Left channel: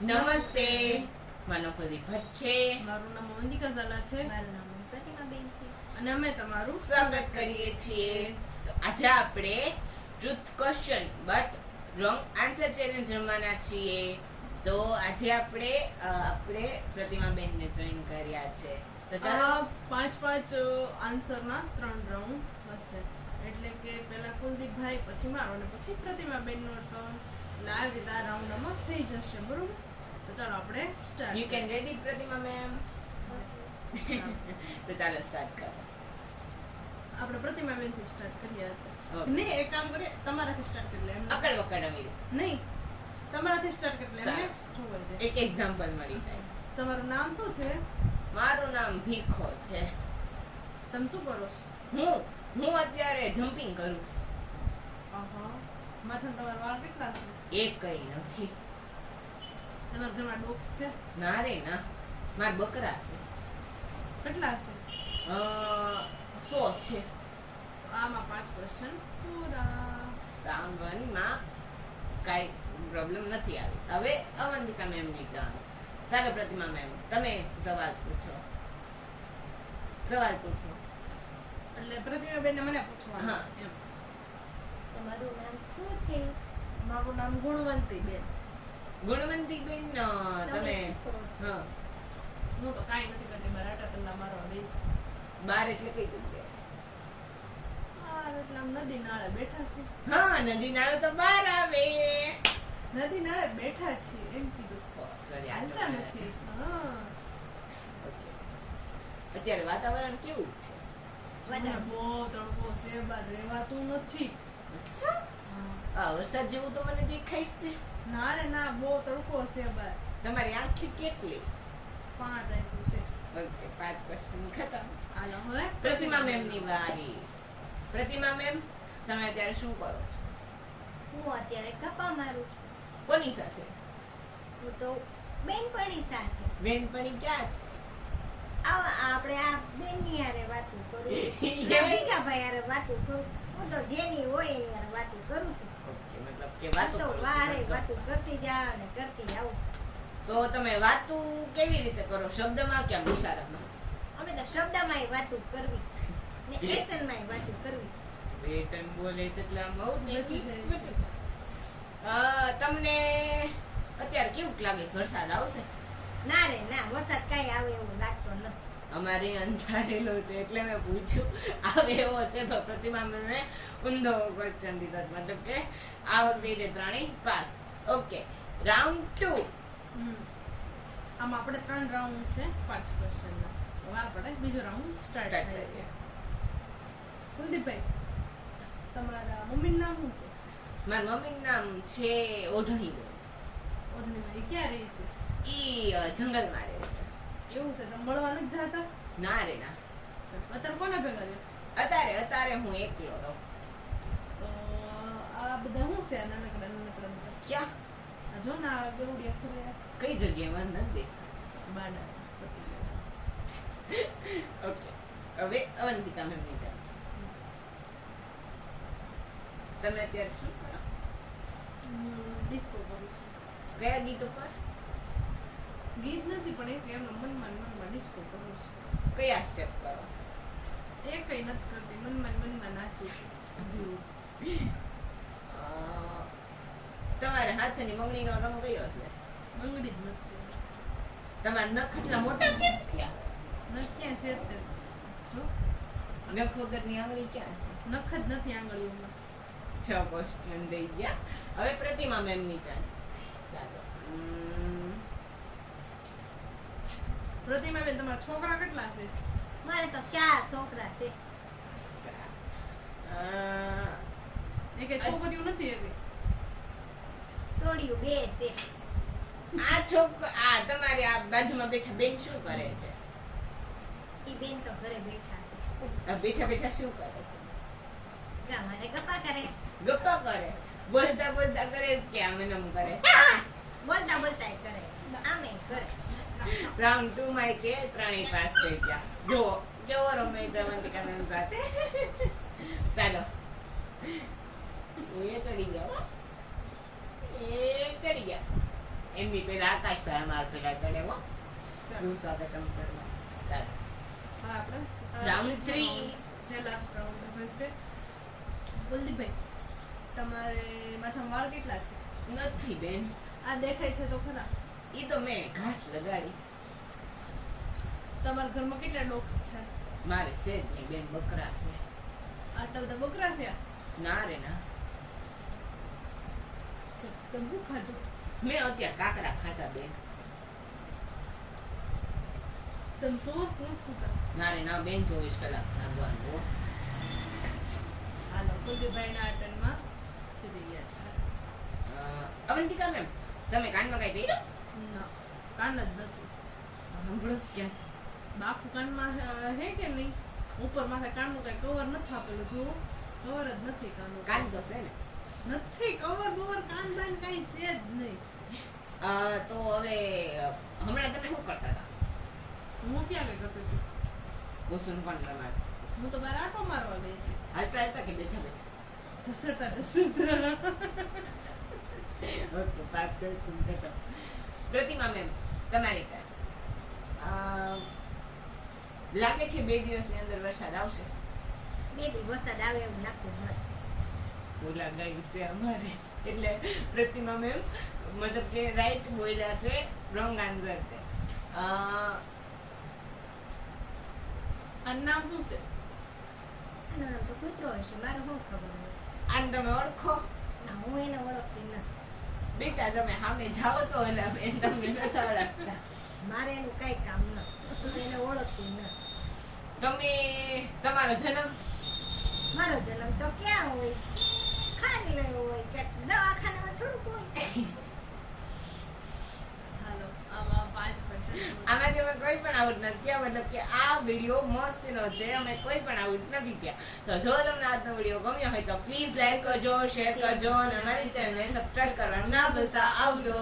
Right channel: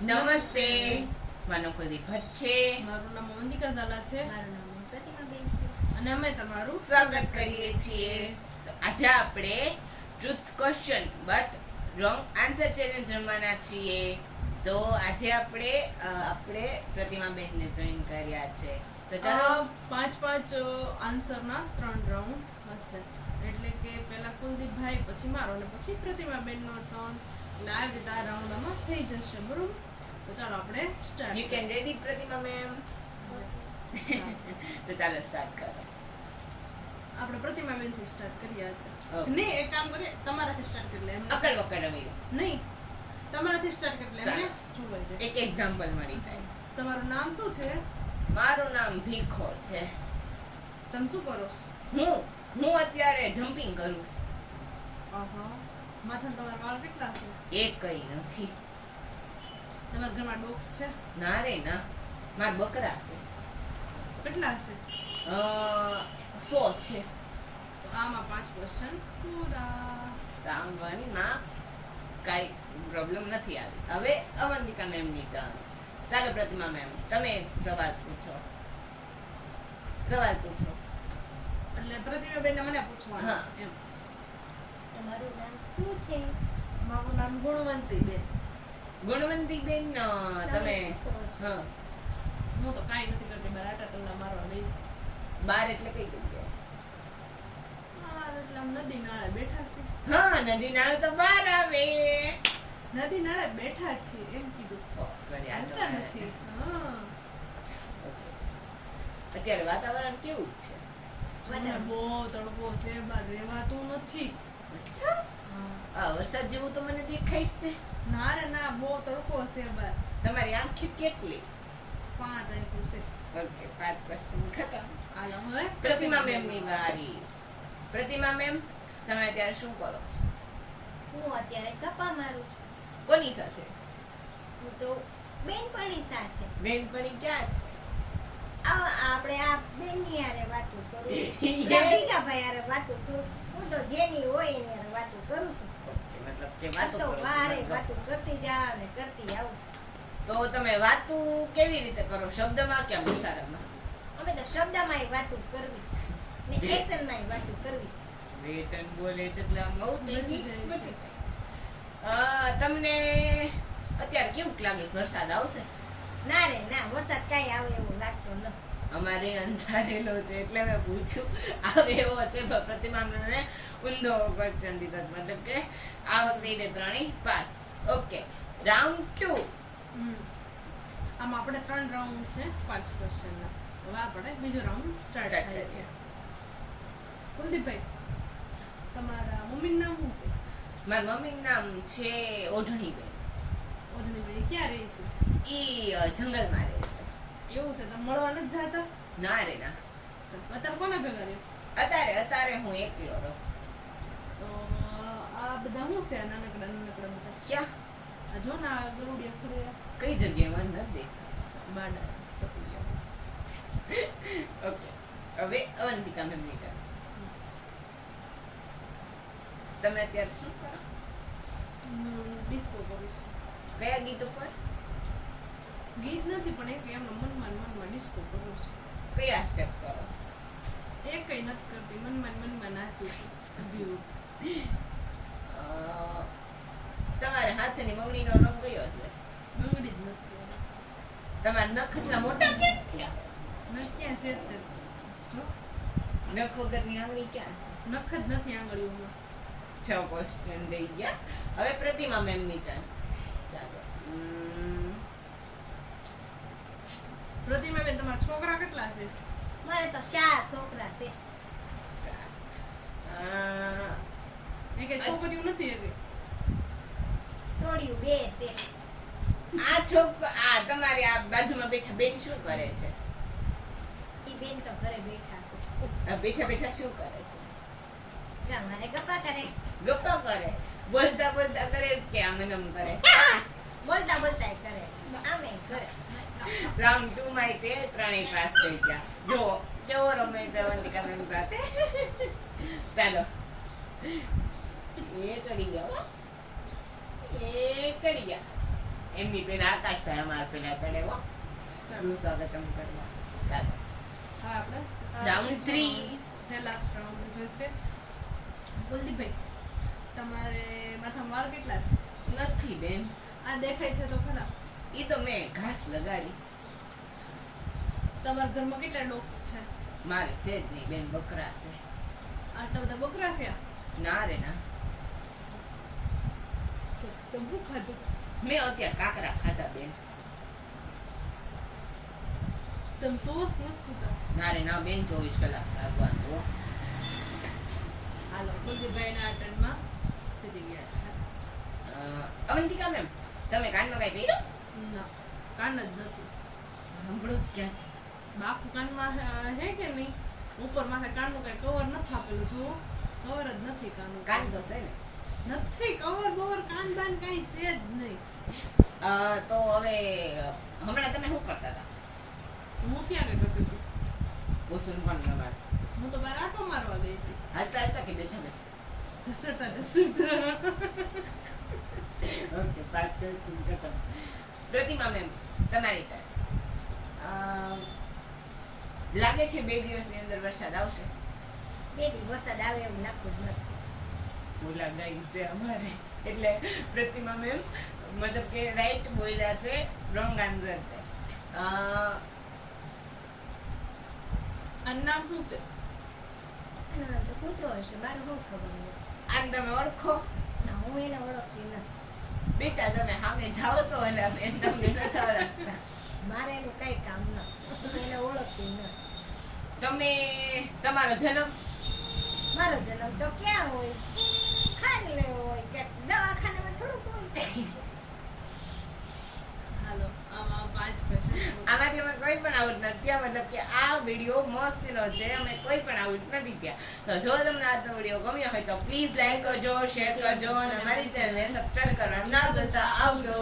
નમસ્તે. મારો કુલદીપ ભટ્ટ છે. મારું નામ વંદિકા ઝાલા છે. મારું નામ પ્રતિમાબેન છે. અને અમે તમારું સ્વાગત કરીએ છીએ. તો આજે આપણે truth question but wrong answer challenge રમવાના છીએ. તો આજે આપણે પ્રતિમાબેનને જોઈન કર્યા છે. તો ચાલો પાંચ આન્સરના 3 રાઉન્ડ હશે. એટલે કે પહેલા કુલદીપભાઈ, પછી મારો અને પછી પ્રતિમાબેનનો ટર્ન. એટલે આવી રીતે આ રાઉન્ડ આમાં થઈ જશે, બરોબર? તો ચાલો આપણે સ્ટાર્ટ. યુ કેન રેડી પ્રતિમા મેમ. તો ચાલો સ્ટાર્ટ કરો. આપણે પ્રતિમાબેનથી સ્ટાર્ટ કરીએ છે. Okay. નહીં, એક કામ કરીએ, તમારાથી સ્ટાર્ટ કરી લે. એમને અકડ વકડ હવે નહીં, તમારાથી સ્ટાર્ટ કરી લે. એમને ચાલો. જોવાય છે. એક એક્ઝામ્પલ મળી જાય. તમારું નામ શું છે? મારું નામ ભીખો છે. તમે શું કરો છો? હું અત્યારે જમ્પિંગ કરું છું. માથામાં તમારા વાળ કેટલા છે? એક કઈ નથી. તમારા ઘરમાં ડોગ્સ છે? ના રે ના, માર બકરા છે. કેટલા છે? 100 છે. તો આમાં 5 ક્વેશ્ચન પૂરા. રાંગણીમાં કઈ પ્રોબ્લેમ નથી આવી. હવે અવંતિકા મેમની ટર્ન. ચાલો પ્રતિમા મેમ, તમે સવાલ પૂછો. એટલે પ્રતિમાબેનને મને પૂછવાનું હા. છે એમ. તમારું નામ શું છે? મારું નામ ગુણવંતીબેન. ગુણવંતીબેન, તમે શું કરો છો? હા, હું તો કાંઈ નથી કરતી, બાર આટા કલાક મારવા બેસ. બાર એટલે કઈ જગ્યાએ? એટલે આમ નદી નાળે બેઠા છે. હા, નદી નાળો તો બહાર આવે. નદી નાળે બેઠા છીએ એમ કીધું. Sorry, હાલતા નથી. હા. અત્યારે વાતાવરણ કેવું છે? મને બહુ તડકો છે, બાર રહેવાતું નથી. અચ્છા, હા. આ વરસાદ જેવું તો મને દેખાઈશ ને. ના રે ના, બહુ તડકો છે બાર. તમારી આંખી કેટલી? 5 આપ્યું છે. ઓકે, 5 ક્વેશ્ચન ખતમ. હાલો હવે પ્રતિમા મેમ ની વારી. પ્રતિમા મેમ, તમે અત્યારે શું કરો છો? હું અત્યારે ગપ્પા મારું છું. કોની સાથે? હું તો બેનપણી સાથે. બેનપણી ક્યાં છે? આપણે આ બેનની હારે વાતું કરું. યે. ભીખાભાઈ હારે વાતું કરું. હું તો જેની હોય એની હારે વાતું કરું છું. ઓકે, મતલબ કે હું વાતો તો કરો વારે છો. વાતું કરતી જાવ ને કરતી આવું. તો તમે વાતો કેવી રીતે કરો? શબ્દમાં કે ઇશારામાં? અમે તો શબ્દમાંય વાતું કરવી ને એક્શનમાંય વાતું કરવી. વેટન બોલે છે એટલે આમ બહુ બચી તેજી જાય છે. બચી જાય છે. તમને અત્યારે કેવું લાગે છે? વરસાદ આવશે? ના રે ના, વરસાદ કાંઈ આવે એવું લાગતો નથી. અમારે અંધારેલો છે એટલે મેં પૂછ્યું આવે એવો છે. તો પ્રતિમા મને ઊંધો ક્વેશ્ચન દીધો છે. મતલબ કે આ વખતે 3 પાસ. Okay, round 2. આમાં આપણે 3 રાઉન્ડ છે 5 ક્વેશ્ચનના. હવે આપણે બીજો રાઉન્ડ સ્ટાર્ટ Start થાય કરીએ. છે. કુલદીપભાઈ, તમારા મમ્મીનું નામ શું છે? મારા મમ્મીનું નામ છે ઓઢણીબેન. ઓઢણીભાઈ ક્યાં રહે છે? ઈ જંગલમાં રહે છે. એવું છે, તમે મળવા નથી જાતા? ના રે ના, અત્યારે કોના ભેગા રહ્યો? અત્યારે હું એકલો રહું. તો આ બધા શું છે? આ નાનકડા બધા ક્યાં? આ જો ને આ ગરુડિયા ફરે કઈ જગ્યાએ મને નથી દેખાતું. બાડા પતી ગયા. ઓકે, હવે અવંતિકા મેમની ટર્ન. તમે અત્યારે શું કરો? હું ડિસ્કો કરું છું. કયા ગીતો પર? ગીત નથી, પણ એક એમનો મનમાં ડિસ્કો કરું છું. કયા સ્ટેપ કરો? એ કઈ નથી કરતી, મનમાં નાચું છું. અ, તમારા હાથની મમ્મીનો રંગ કયો છે? બંગડી જ નથી. તમારા નખ એટલા મોટા કેમ થયા? નખ ક્યાં છે તે? જો નખ વગરની આંગળી ક્યાં છે? નખ જ નથી આંગળીઓમાં. 6 ક્વેશ્ચન દઈ ગયા. હવે પ્રતિમા મેમની ટર્ન. ચાલો. પ્રતિમાબેન, તમારા છોકરા કેટલા છે? મારે તો 4 છોકરા છે. એ કઈ છોકરીઓ નથી હજી. છોડ્યું 2 છે. આ તમારી આ બાજુમાં બેઠા બેન શું કરે છે? ઈ બેન તો ઘરે બેઠા છે. બેઠા બેઠા શું કરે છે? ગામમાં ગપ્પા કરે. ગપ્પા કરે? બોલતા બોલતા કરે છે કે આમ એમ કરે? બોલતા બોલતા કરે. આમે કરે. રાઉન્ડ 2 માં તે 3 પાસ થઈ ગયા. જો કેવો રમે છે અવંતિકા મેમ સાથે. ચાલો, એ ચડી ગયા. એમની પેલા આકાશભાઈ અમાર પેલા ચડે હો શું સ્વાગતમ કરવા ચાલો હા આપણે Round 3. જે લાસ્ટ રાઉન્ડ રહેશે. કુલદીપભાઈ તમારે માથામાં વાળ કેટલા છે? નથી બેન આ દેખાય છે તો ખરા. ઈ તો મેં ઘાસ લગાડીશ તમારા ઘરમાં કેટલા ડોગ્સ છે? મારે છે જ નહીં બેન બકરા છે આટલા બધા બકરા છે? ના રે ના તો શું ખાધું? મેં અત્યારે કાકરા ખાધા બેન તમે સુવો જ નથી સુતા? ના રે ના બેન 24 કલાક જાગવાનું હો. હાલો કુલદીપભાઈના આ ટર્નમાં ચડી ગયા છે. અવંતિકા મેમ તમે કાનમાં કઈ પહેર્યો ના, કાન જ નથી. સાંભળો જ ક્યાં બાપુ કાનમાં હે કે નહીં? ઉપર માથે કાનનું કઈ કવર નથી આપેલું. જુઓ, કવર જ નથી કાનનું. કાન તો છે ને નથી કવર બવર, કાન બાન કઈ છે જ નહીં. તો હવે હમણાં તમે શું કરતા હતા હું ક્યાં કઈ કરતી હતી? ઓસુન પણ રમાડ હું તો બહાર આટો મારવા ગઈ હતી. હાલતા હતા કે બેઠા બેઠા ઘસરતા ઘસરતા. ઓકે 5 ક્વેશ્ચન ખતમ પ્રતિમા મેમ તમારી turn. લાગે છે 2 દિવસની અંદર વરસાદ આવશે બે દી વરસાદ આવે એવું લાગતું જ નથી. બોલા ડાઈ છે અમારે એટલે પ્રતિમા મેમ મતલબ કે રાઈટ બોલ્યા છે રોંગ આન્સર છે આનું નામ શું છે? એનું નામ તો કૂતરો હશે, મારે શું ખબર નથી. આને તમે ઓળખો ના, હું એને ઓળખતી નથી. બેટા તમે સામે જાઓ તો એટલે બેન તમને નથી ઓળખતા મારે એનું કઈ કામ નથી, હું એને ઓળખતી નથી. તમે તમારો જન્મ મારો જન્મ તો ક્યાં હોય? ખાલી રહ્યો હોય ક્યાંક દવાખાનામાં થોડુંક હોય. હાલો આમાં 5 ક્વેશ્ચન. આમાંથી અમે કોઈ પણ આઉટ નથી થયા મતલબ કે આ વિડીયો મસ્તીનો છે અમે કોઈ પણ આઉટ નથી થયા તો જો તમને આજનો વિડીયો ગમ્યો હોય તો પ્લીઝ લાઈક કરજો શેર કરજો અને મારી ચેનલને સબસ્ક્રાઇબ કરવાનું ના ભૂલતા આવજો